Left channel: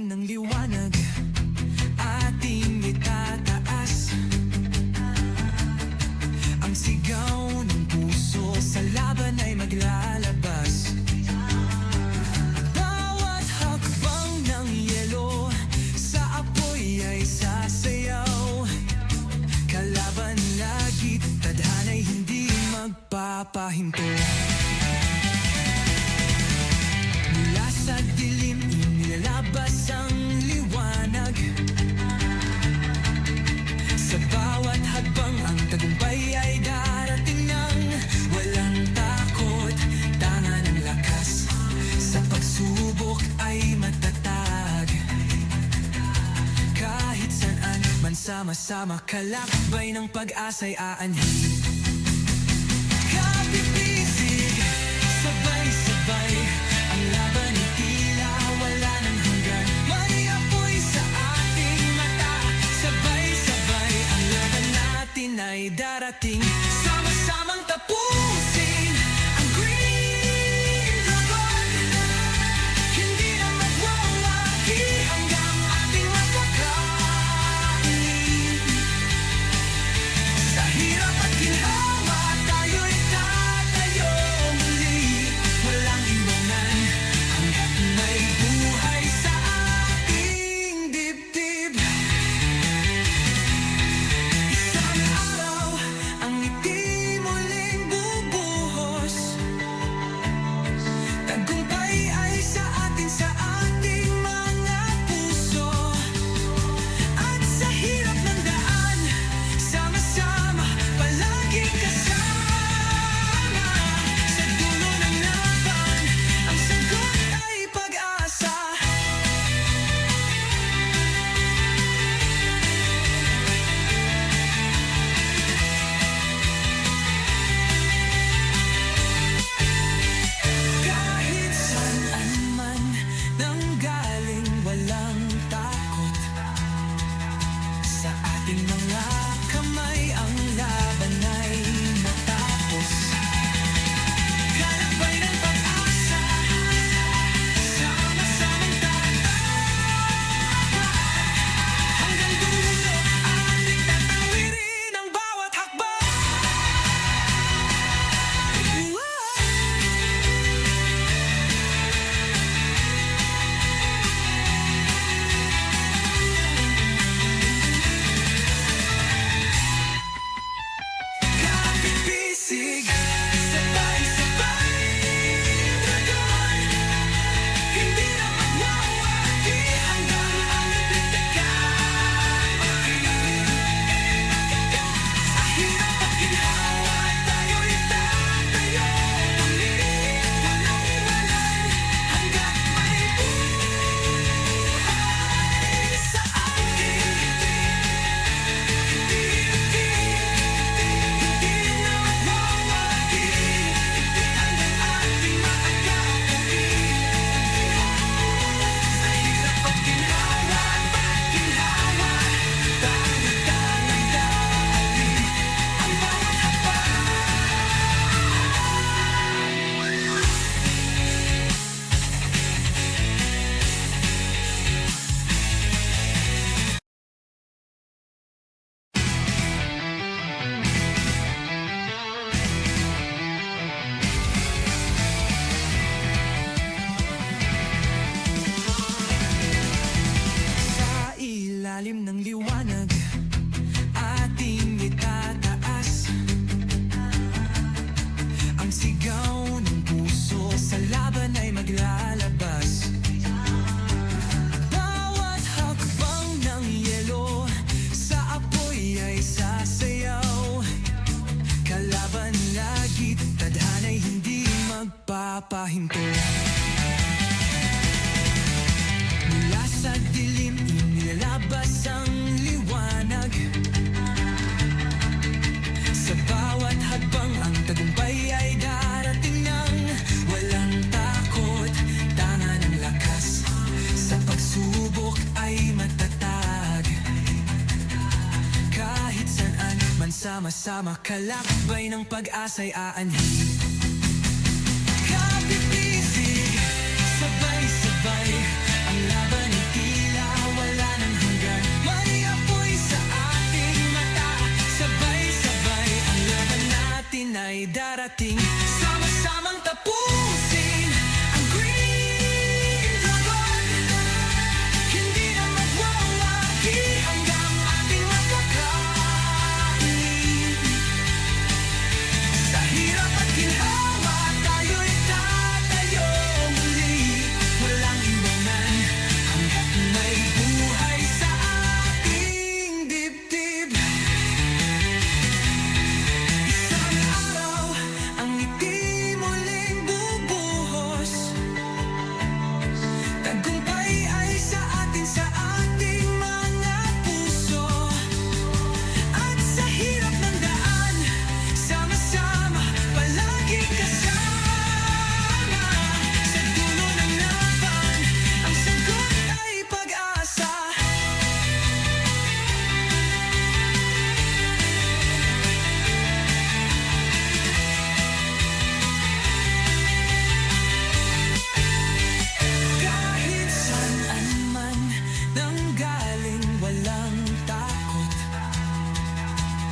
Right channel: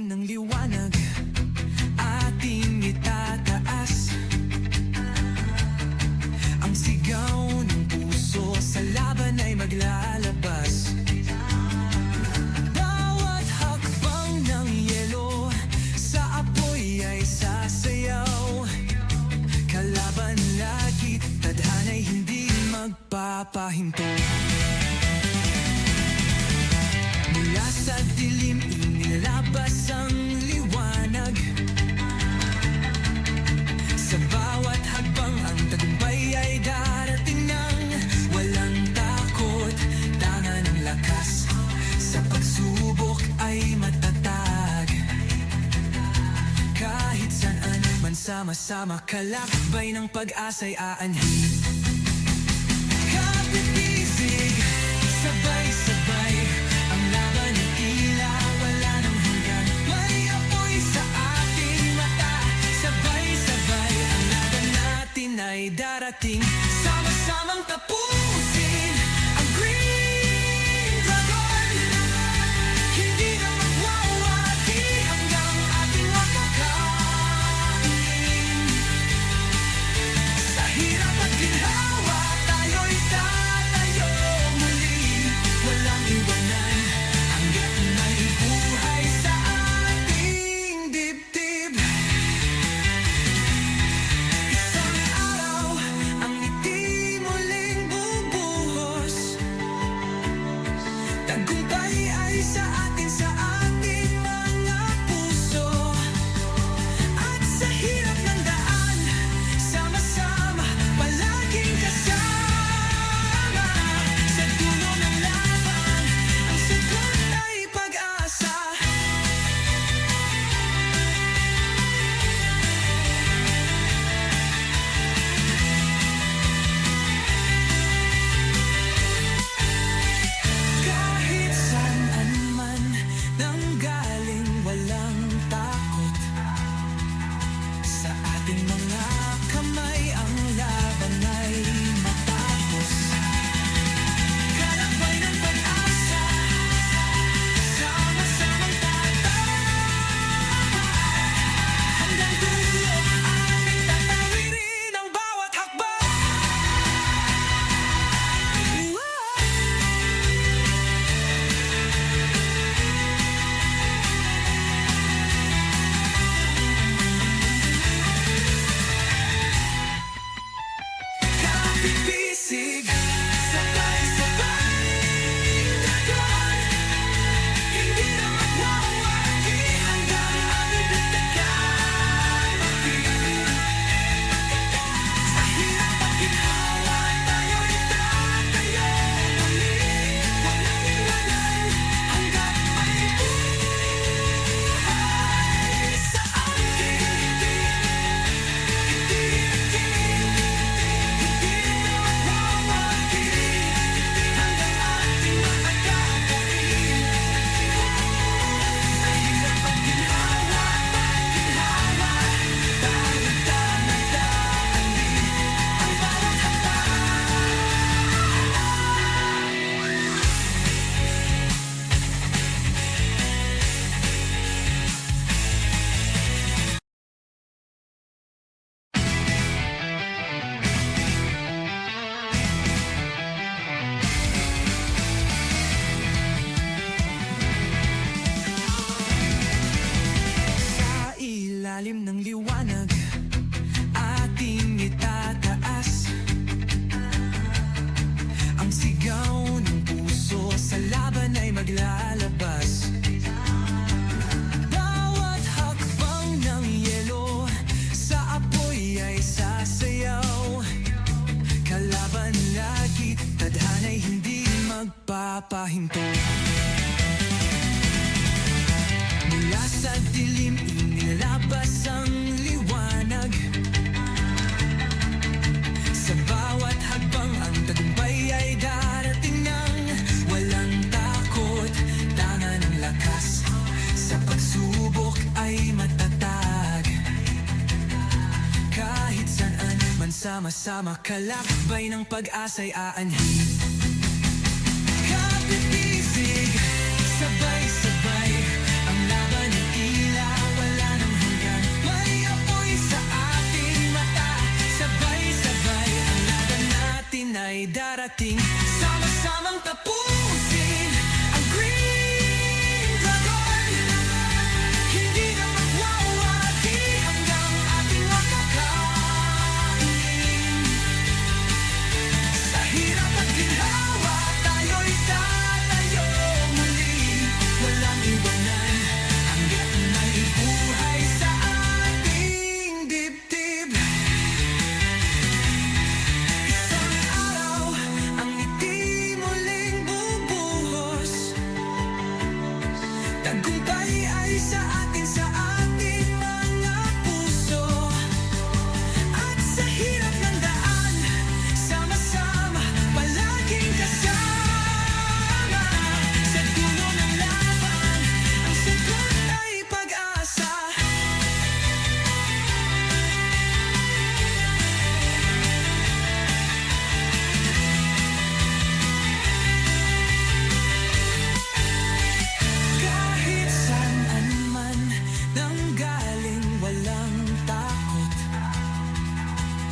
ilalim ng liwanag, ating itataas ang sigaw ng puso, sa laban ay maglalabas. Bawat hakbang ng yelo, sa apoy ay sasayaw. Kalaban lagi, tadhana'y hindi magpapahinto. Mula sa dilim, inilalabas ang liwanag. Sa bawat hagbang, ang tagumpay ay darating nang walang takot, tanga ng lakas. Sa pagsubok ay matatag. Kahit saan man sama-sama, kalakbay ng pag-asa'y aanhin. Kapipisig, sabay-sabay, ang laban ay tila wala ng hanggan. May apoy sa ating mata, sabay-sabay, ang laban natin ay darating. Sama-samang tapusin ang Green Dragon. Hindi na magwawagi hanggang ating makakain. Sa hirap at ginhawa, tayo'y tatayo muli. Walang iwanan hanggat may buhay sa ating dibdib. Isang araw, ang ngiti muling bubuhos. Tagumpay ay sa atin, sa ating mga puso. At sa hirap ng daan, sama-sama, palaging kasama. Sa dulo ng laban, ang sagot ay pag-asa. Kahit saan man nanggaling, walang takot. Sa ating mga kamay, ang laban ay matapos. Kalakbay ng pag-asa, sama-samang tatapat. Hanggang dulo, ating tatawirin ang bawat hakbang. Kapipisig, sabay-sabay, dragon. Hindi na magwawagi hanggang aming bigtakan. Sa hirap at ginhawa, tayo'y tatayo muli. Walang iwanan hanggat may buhay sa ating hindi na magwawagi hanggang ating makakakain. Sa hirap at ginhawa, tayo tangang daalin ang bawat hakbang. Sa ilalim ng liwanag, ating itataas ang sigaw ng puso, sa laban ay maglalabas. Bawat hakbang ng yelo, sa apoy ay sasayaw. Kalaban lagi, tadhana'y hindi magpapahinto. Mula sa dilim, inilalabas ang liwanag. Sa bawat hagbang, ang tagumpay ay darating nang walang takot, tanga ng lakas. Sa pagsubok ay matatag. Kahit saan man sama-sama, kalakbay ng pag-asa'y aanhin. Kapipisig, sabay-sabay, ang laban ay darating. Sama-samang tapusin ang Green Dragon. Hindi na magwawagi hanggang ating makakain. Sa hirap at ginhawa, tayo'y tatayo muli. Walang iwanan hanggat may buhay sa ating dibdib. Isang araw, ang ngiti muling bubuhos. Tagumpay ay sa atin, sa ating mga puso. At sa hirap ng daan, sama-sama, palaging kasama. Sa dulo ng laban, ang sagot ay pag-asa. Kahit saan man nanggaling, walang takot.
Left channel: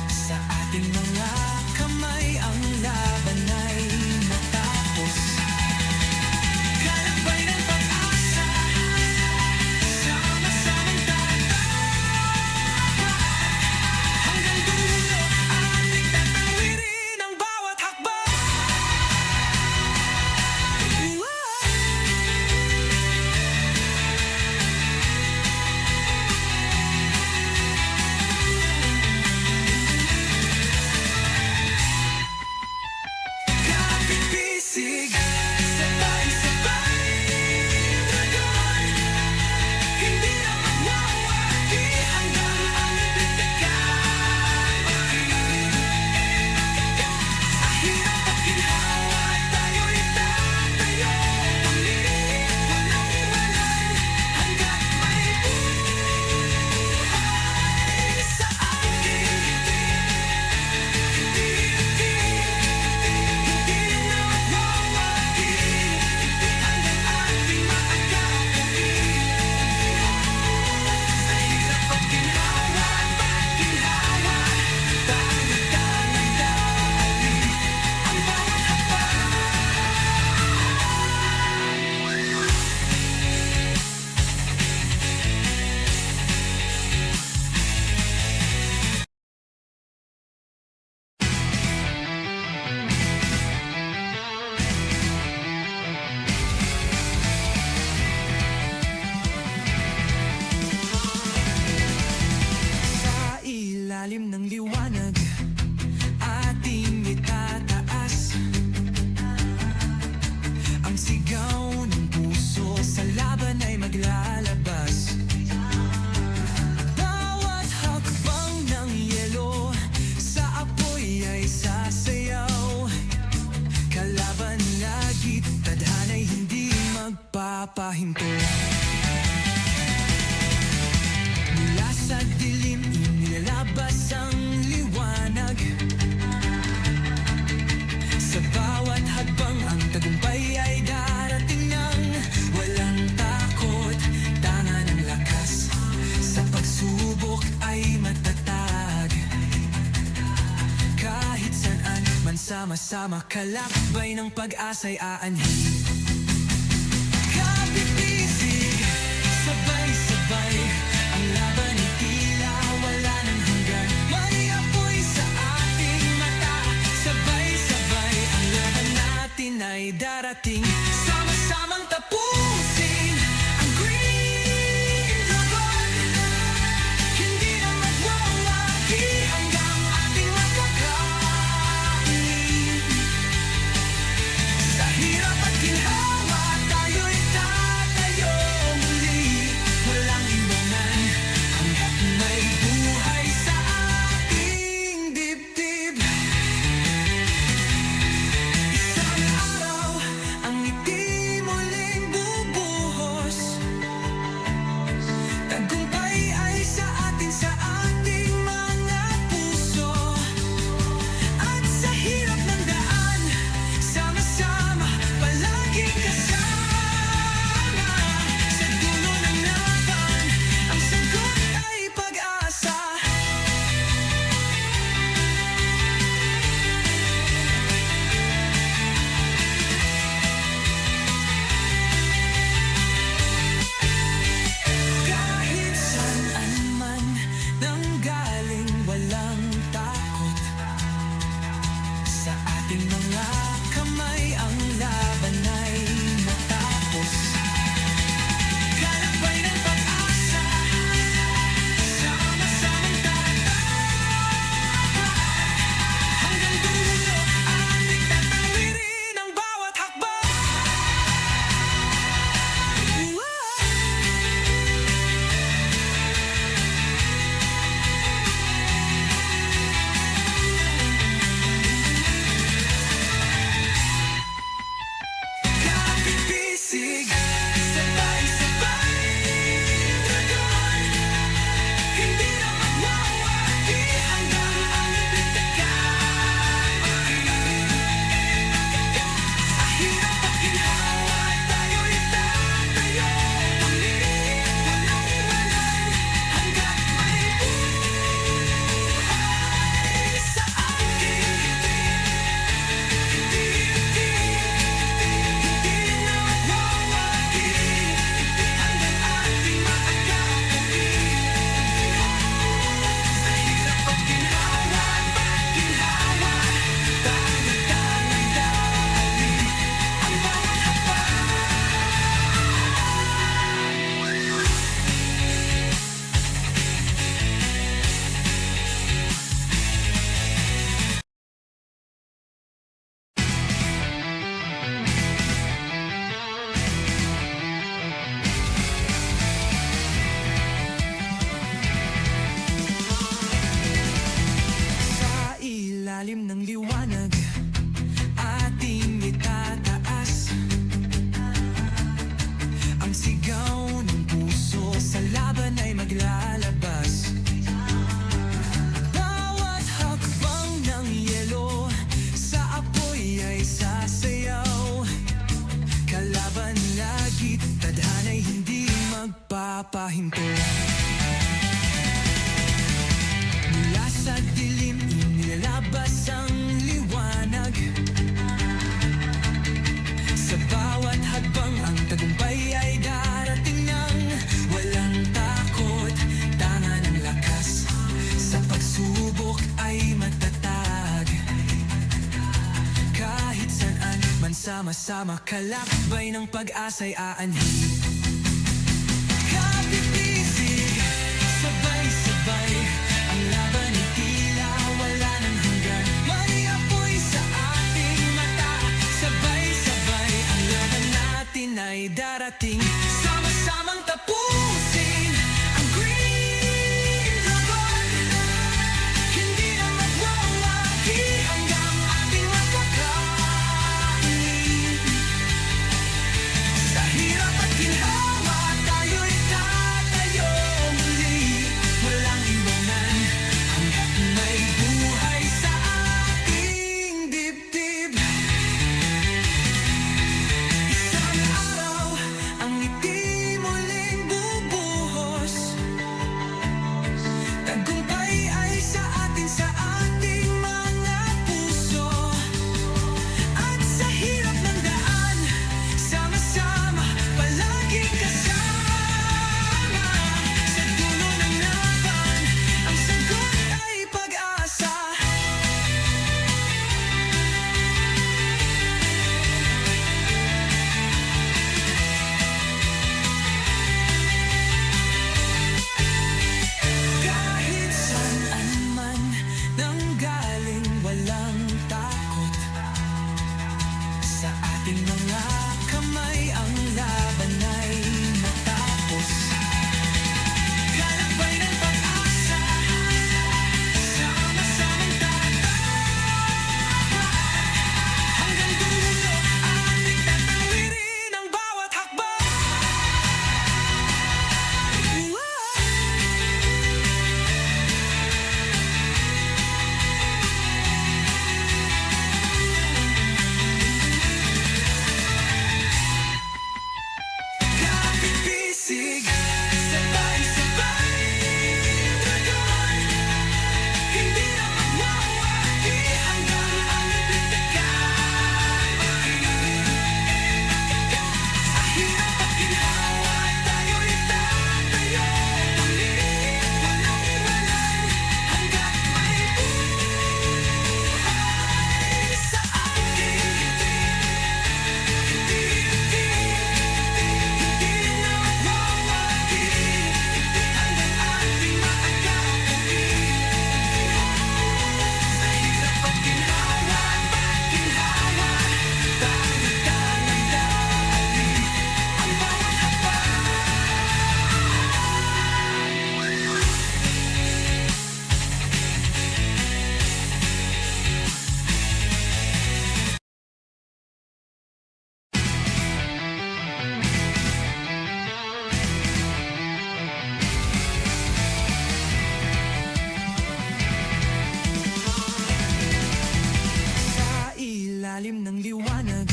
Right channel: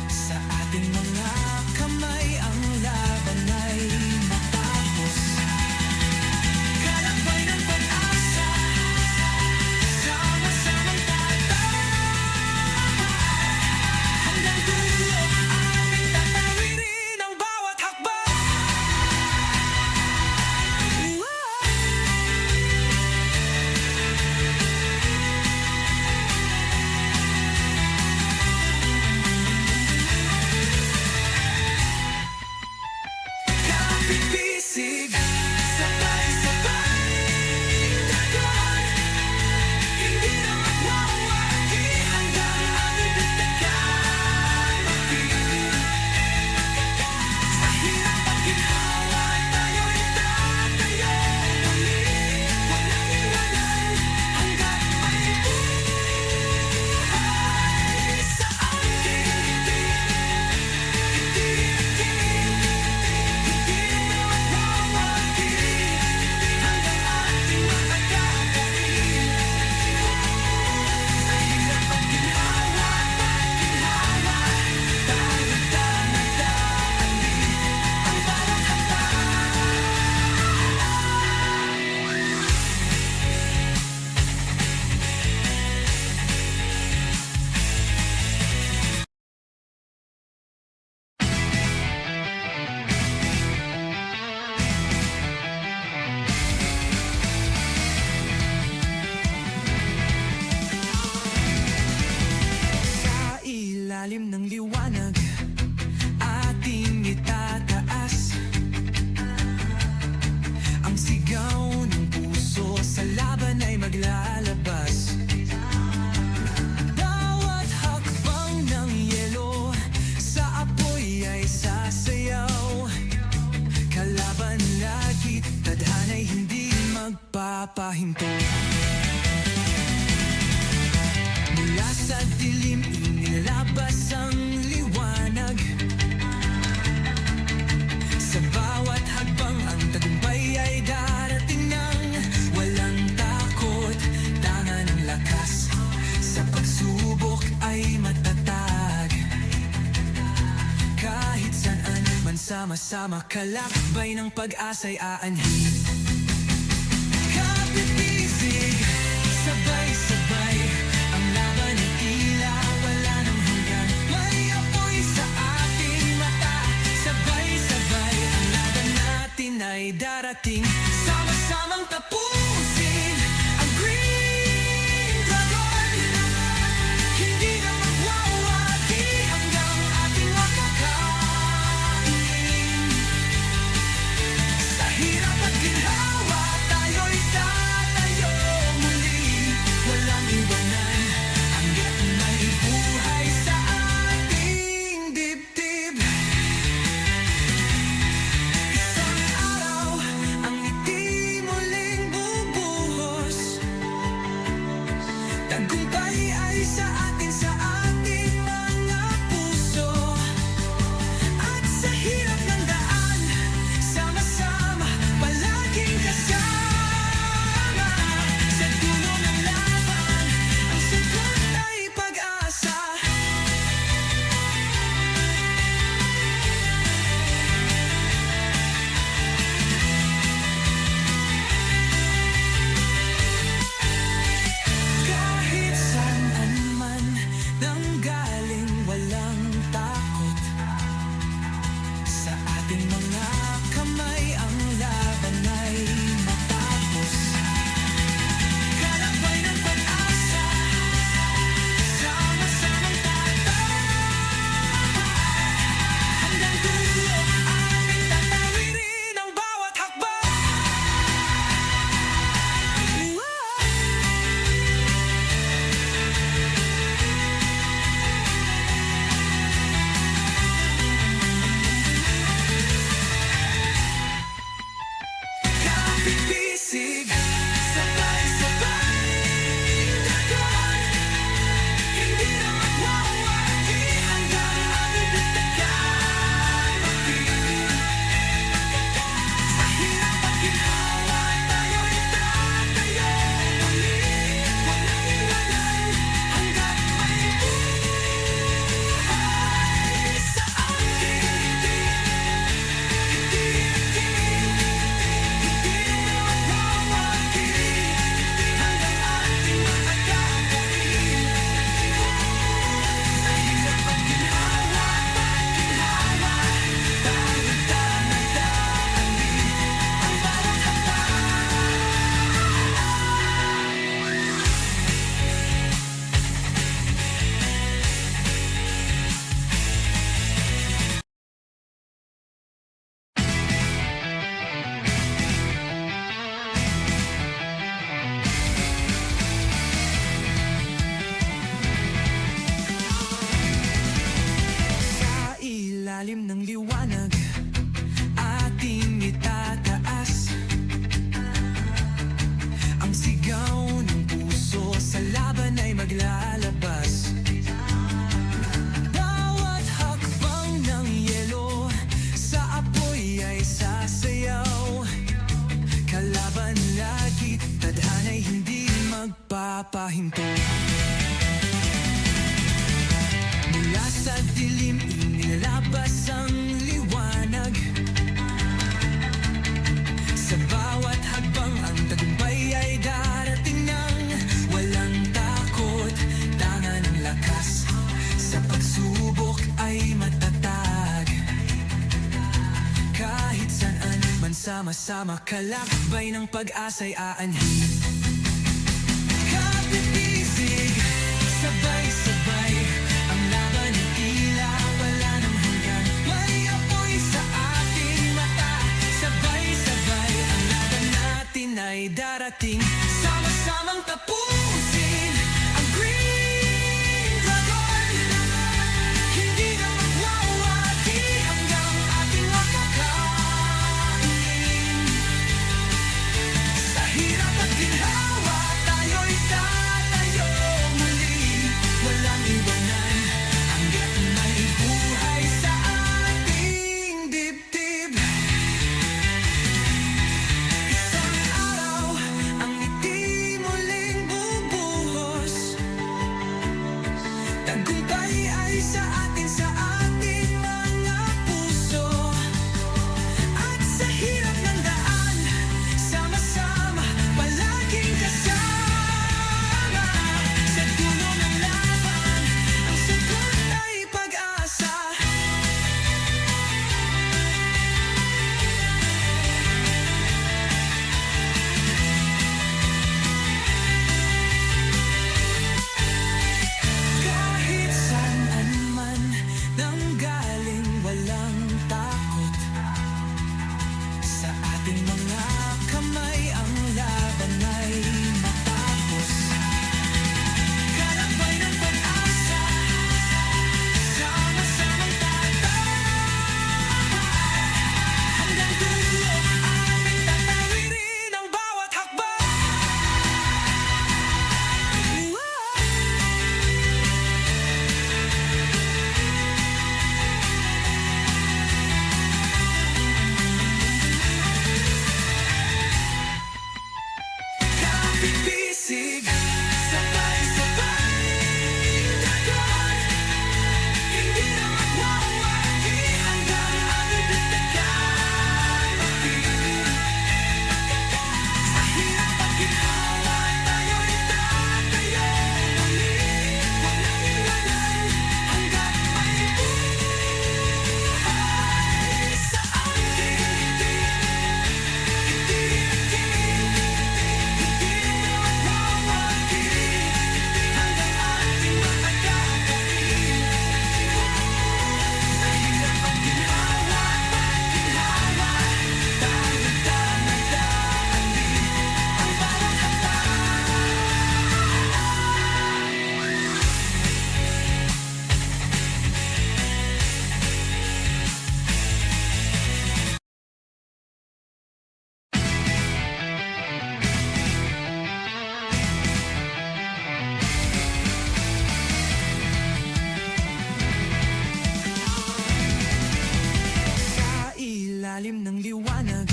Sa ating mga kamay, ang laban ay matapos. Kalakbay ng pag-asa, sama-samang tatapat. Hanggang dulo, ating tatawirin ang bawat hakbang. Kapit-bisig, sabay-sabay, dragon. Hindi na magwawagi hanggang aming bigtakan. Sa hirap at ginhawa, tayo'y tatayo muli. Walang iwanan hanggat may buhay sa ating dibdib. Hindi na magwawagi hanggang ating makakain. Sa hirap at ginhawa, tayo dangan-dali ang bawat hakbang. Sa ilalim ng liwanag, ating itataas ang sigaw ng puso, sa laban ay maglalabas. Bawat hakbang ng yelo, sa apoy ay sasayaw. Kalaban lagi, tadhana'y hindi magpapahinto. Mula sa dilim, inilalabas ang liwanag. Sa bawat hagbang, ang tagumpay ay darating nang walang takot, tanga ng lakas. Sa pagsubok ay matatag. Kahit saan man, sama-sama, kalakbay ng pag-asa'y aanhin. Kapit-bisig, sabay-sabay, ang laban ay tila wala ng hanggan. May apoy sa ating mata, sabay-sabay, ang laban natin ay darating. Sama-samang tapusin ang Green Dragon. Hindi na magwawagi hanggang ating makakain. Sa hirap at ginhawa, tayo'y tatayo muli. Walang iwanan hanggat may buhay sa ating dibdib. Isang araw, ang ngiti muling bubuhos. Tagumpay ay sa atin, sa ating mga puso. At sa hirap ng daan, sama-sama, palaging kasama. Sa dulo ng laban, ang sagot ay pag-asa. sa laban ay maglalabas. Bawat hakbang ng yelo sa apoy ay sasayaw. Kalaban lagi, tadhana'y hindi magpapahinto. Mula sa dilim, inilalabas ang liwanag. Sa bawat hagbang, ang tagumpay ay darating nang walang takot, tanga ng lakas. Sa pagsubok ay matatag. Kahit saan man sama-sama, kalakbay ng pag-asa'y aanhin. Kapipisig, sabay-sabay, ang laban ay tila wala ng hanggan. May apoy sa ating mata, sabay-sabay, ang laban natin ay darating. Sama-samang tapusin ang Green Dragon. Hindi na magwawagi hanggang ating makakain. Sa hirap at ginhawa, tayo'y tatayo muli. Walang iwanan hanggat may buhay sa ating dibdib. Isang araw, ang ngiti muling bubuhos. Tagumpay ay sa atin, sa ating mga puso. At sa hirap ng daan, sama-sama, palaging kasama. Sa dulo ng laban, ang sagot ay pag-asa. Kahit saan man nanggaling, walang takot. Sa ating mga kamay, ang laban ay matapos. Kalakbay ng pag-asa, sama-samang tatapat. Hanggang dulo, ating tatawirin ang bawat hakbang. Kapipisig, sabay-sabay, dragon. Hindi na magwawagi hanggang aming bigtagan. Sa hirap at ginhawa, tayo'y tatayo muli. Walang iwanan hanggat may buhay sa ating hindi na magwawagi hanggang ating makakakain. Sa hirap at ginhawa, pag-ginhawa, tayo tangang daalin ang bawat hakbang. Sa ilalim ng liwanag,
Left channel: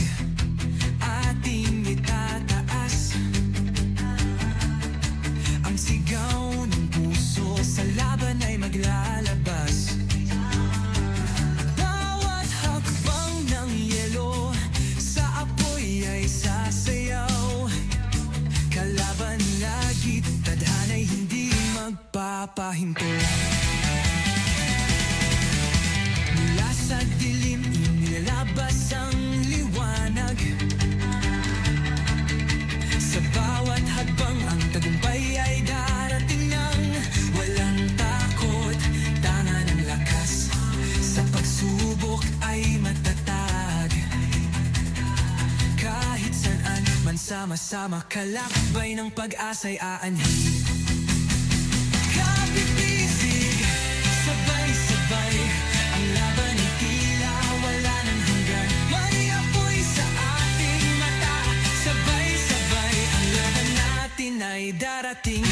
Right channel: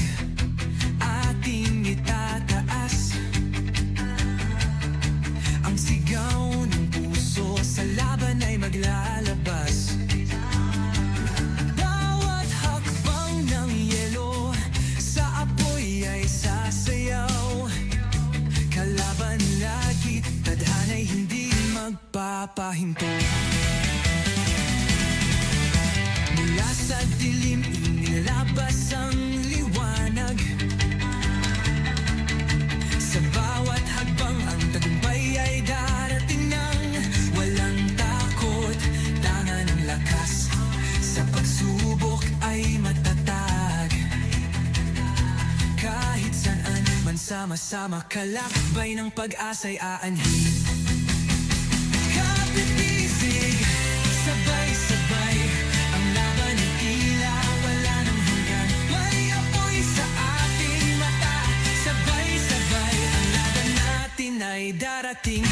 ating itataas ang sigaw ng puso, sa laban ay maglalabas. Bawat hakbang ng yelo sa apoy ay sasayaw. Kalaban lagi, tadhana'y hindi magpapahinto. Mula sa dilim, inilalabas ang liwanag. Sa bawat hagbang, ang tagumpay ay darating nang walang takot, tanga ng lakas. Sa pagsubok ay matatag. Kahit saan man sama-sama, kalakbay ng pag-asa'y aanhin. Kapipisig, sabay-sabay, ang laban ay tila wala ng hanggan. May apoy sa ating mata, sabay-sabay, ang laban natin ay darating.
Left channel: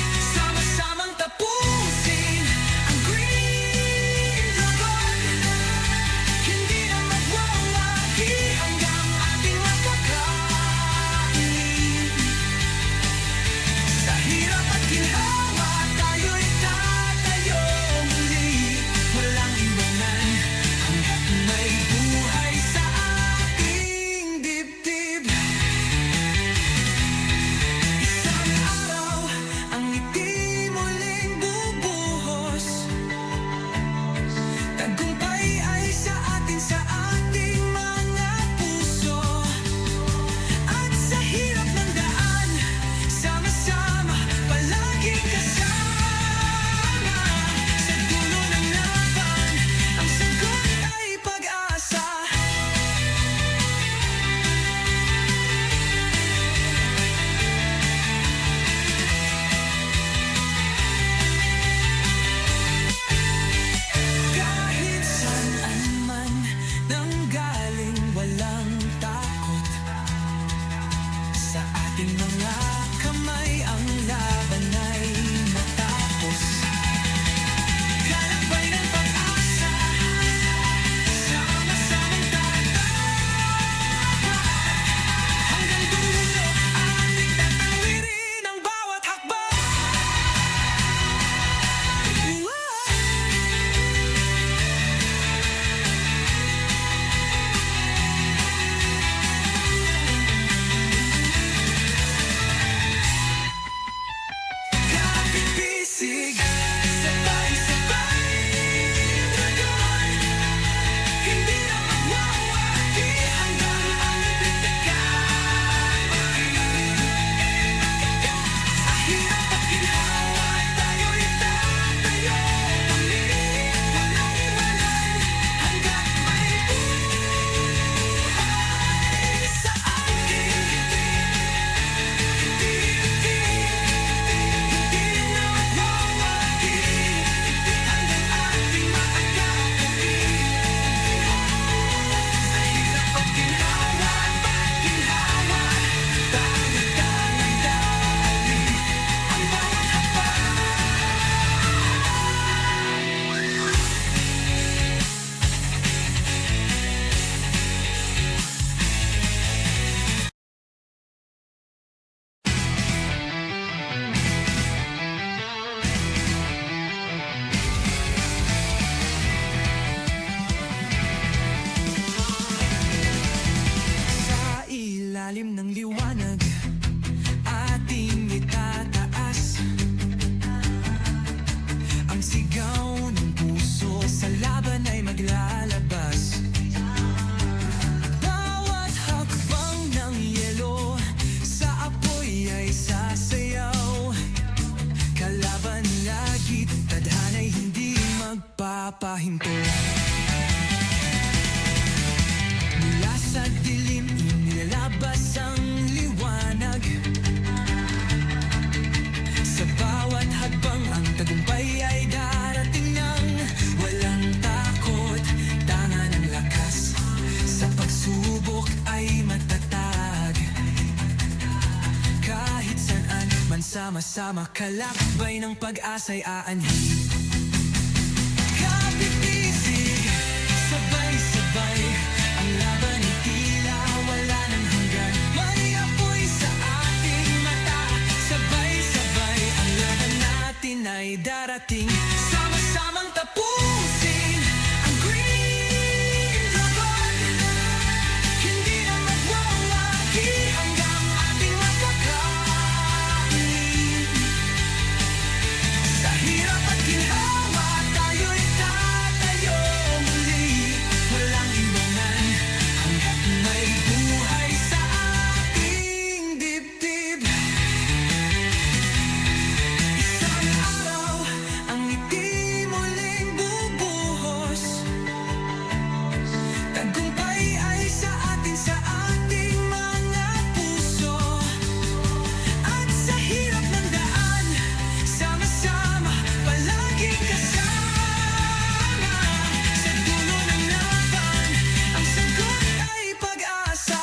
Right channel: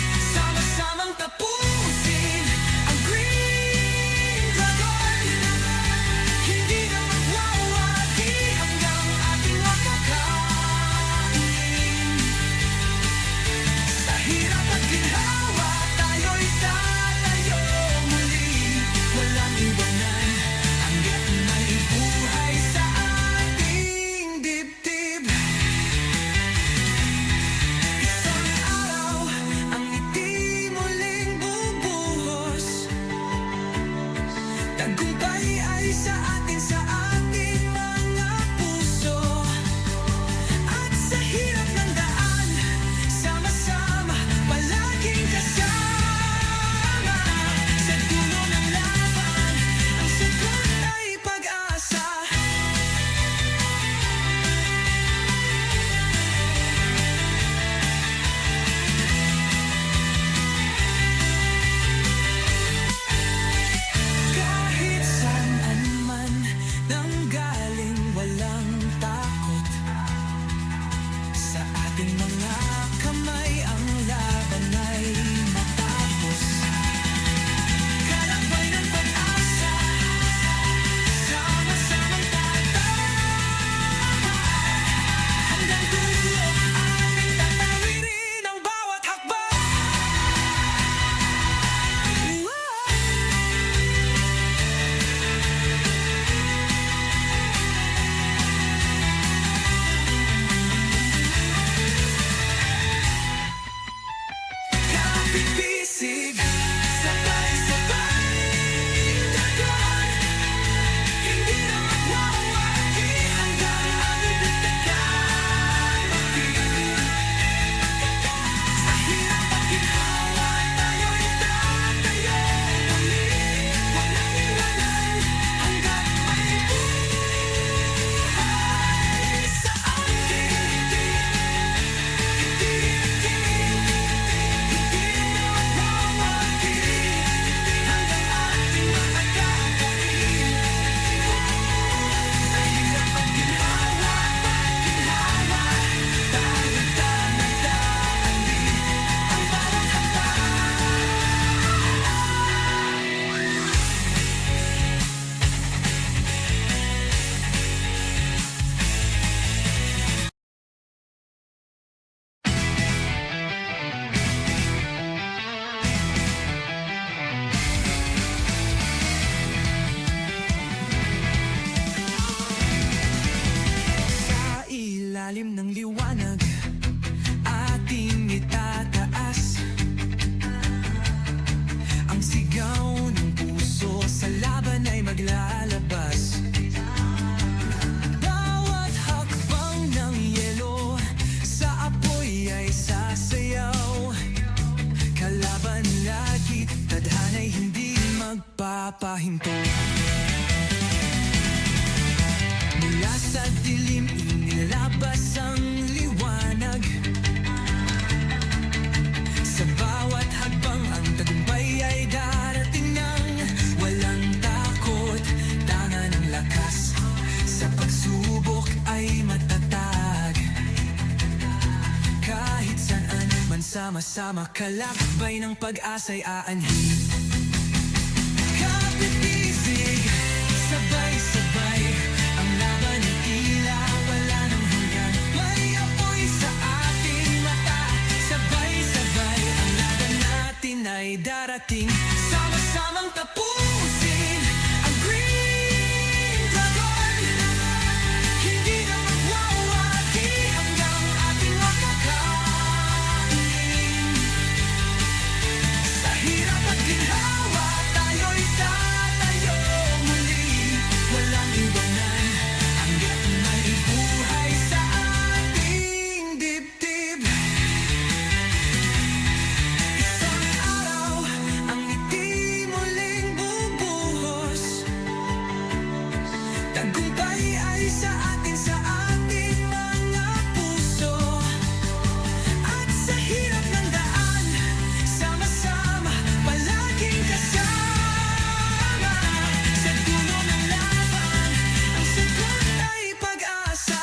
Pag-ibig, sabay-sabay dragon, hindi na magwawagi hanggang aming bigtagan. Sa hirap at ginhawa, tayo'y tatayo muli. Walang iwanan hanggat may buhay sa ating hindi na magwawagi hanggang ating makakakain. Sa hirap at ginhawa, dahan-dahan dali ang bawat hakbang. Sa ilalim ng liwanag, ating itataas ang sigaw ng puso, sa laban ay maglalabas. Bawat hakbang ng yelo, sa apoy ay sasayaw. Kalaban lagi, tadhana'y hindi magpapahinto. Mula sa dilim, inilalabas ang liwanag. Sa bawat hagbang, ang tagumpay ay darating nang walang takot, tanga ng lakas. Sa pagsubok ay matatag. Kahit saan man sama-sama, kalakbay ng pag-asa'y aanhin. Kapipisig, sabay-sabay ang laban ay tila wala ng hanggan. May apoy sa ating mata, sabay-sabay ang laban natin ay darating. Sama-samang tapusin ang Green Dragon, hindi na magwawagi hanggang ating makakain. Sa hirap at ginhawa, tayo'y tatayo muli. Walang iwanan hanggat may buhay sa ating dibdib. Isang araw, ang ngiti muling bubuhos. Tagumpay ay sa atin, sa ating mga puso. At sa hirap ng daan, sama-sama, palaging kasama. Sa dulo ng laban, ang sagot ay pag-asa.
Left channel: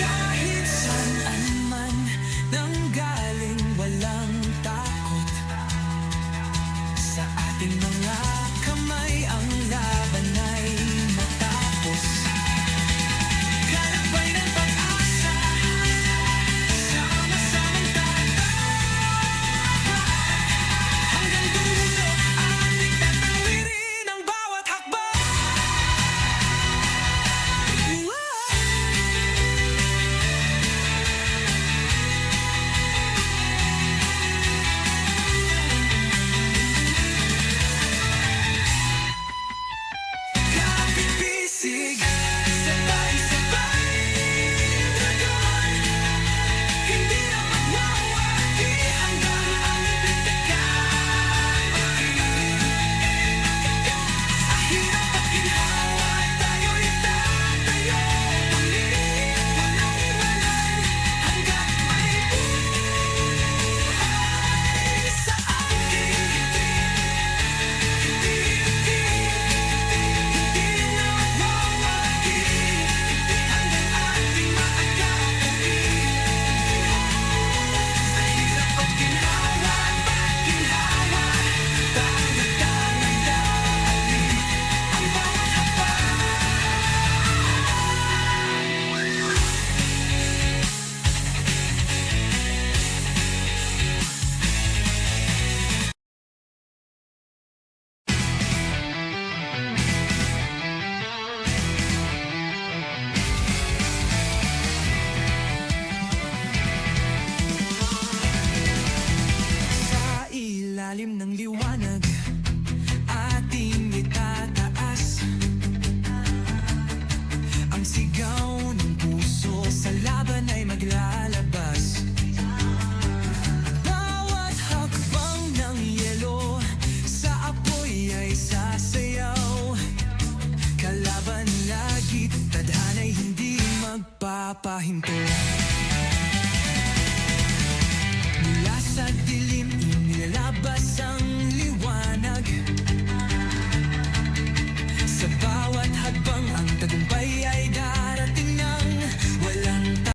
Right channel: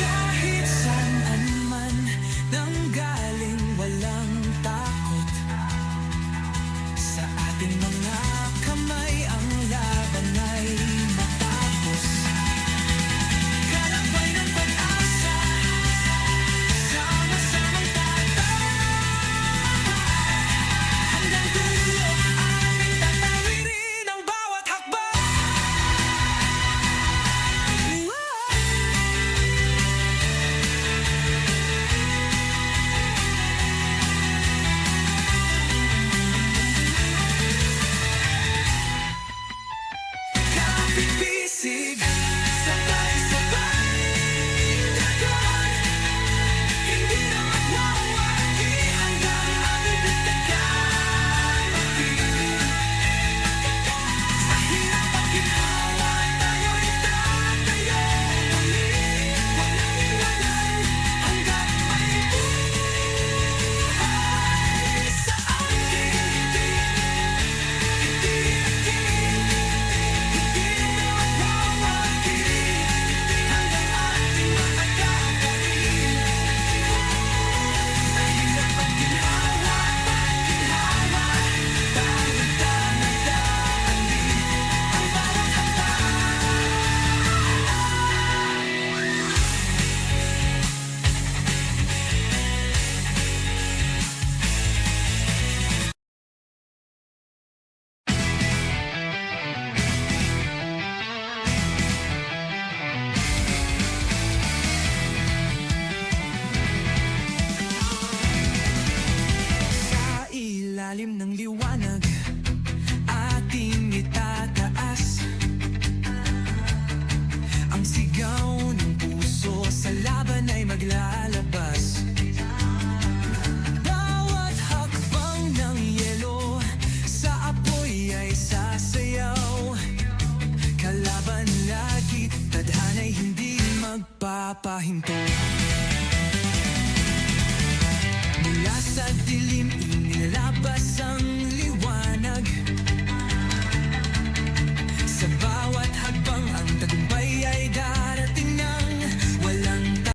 Kahit saan man nanggaling, walang takot. Sa ating mga kamay, ang laban ay matapos. Kalakbay ng pag-asa, sama-samang tatapat. Hanggang dulo, ating tatawirin ang bawat hakbang. Kapipisig, sabay-sabay dragon, hindi na magwawagi hanggang aming bigtagan. Sa hirap at ginhawa, tayo'y tatayo muli. Walang iwanan hanggat may buhay sa ating hindi na magwawagi ilalim ng liwanag ating itataas ang sigaw ng puso sa laban ay maglalabas. Bawat hakbang ng yelo sa apoy ay sasayaw. Kalaban lagi, tadhana'y hindi magpapahinto. Mula sa dilim inilalabas ang liwanag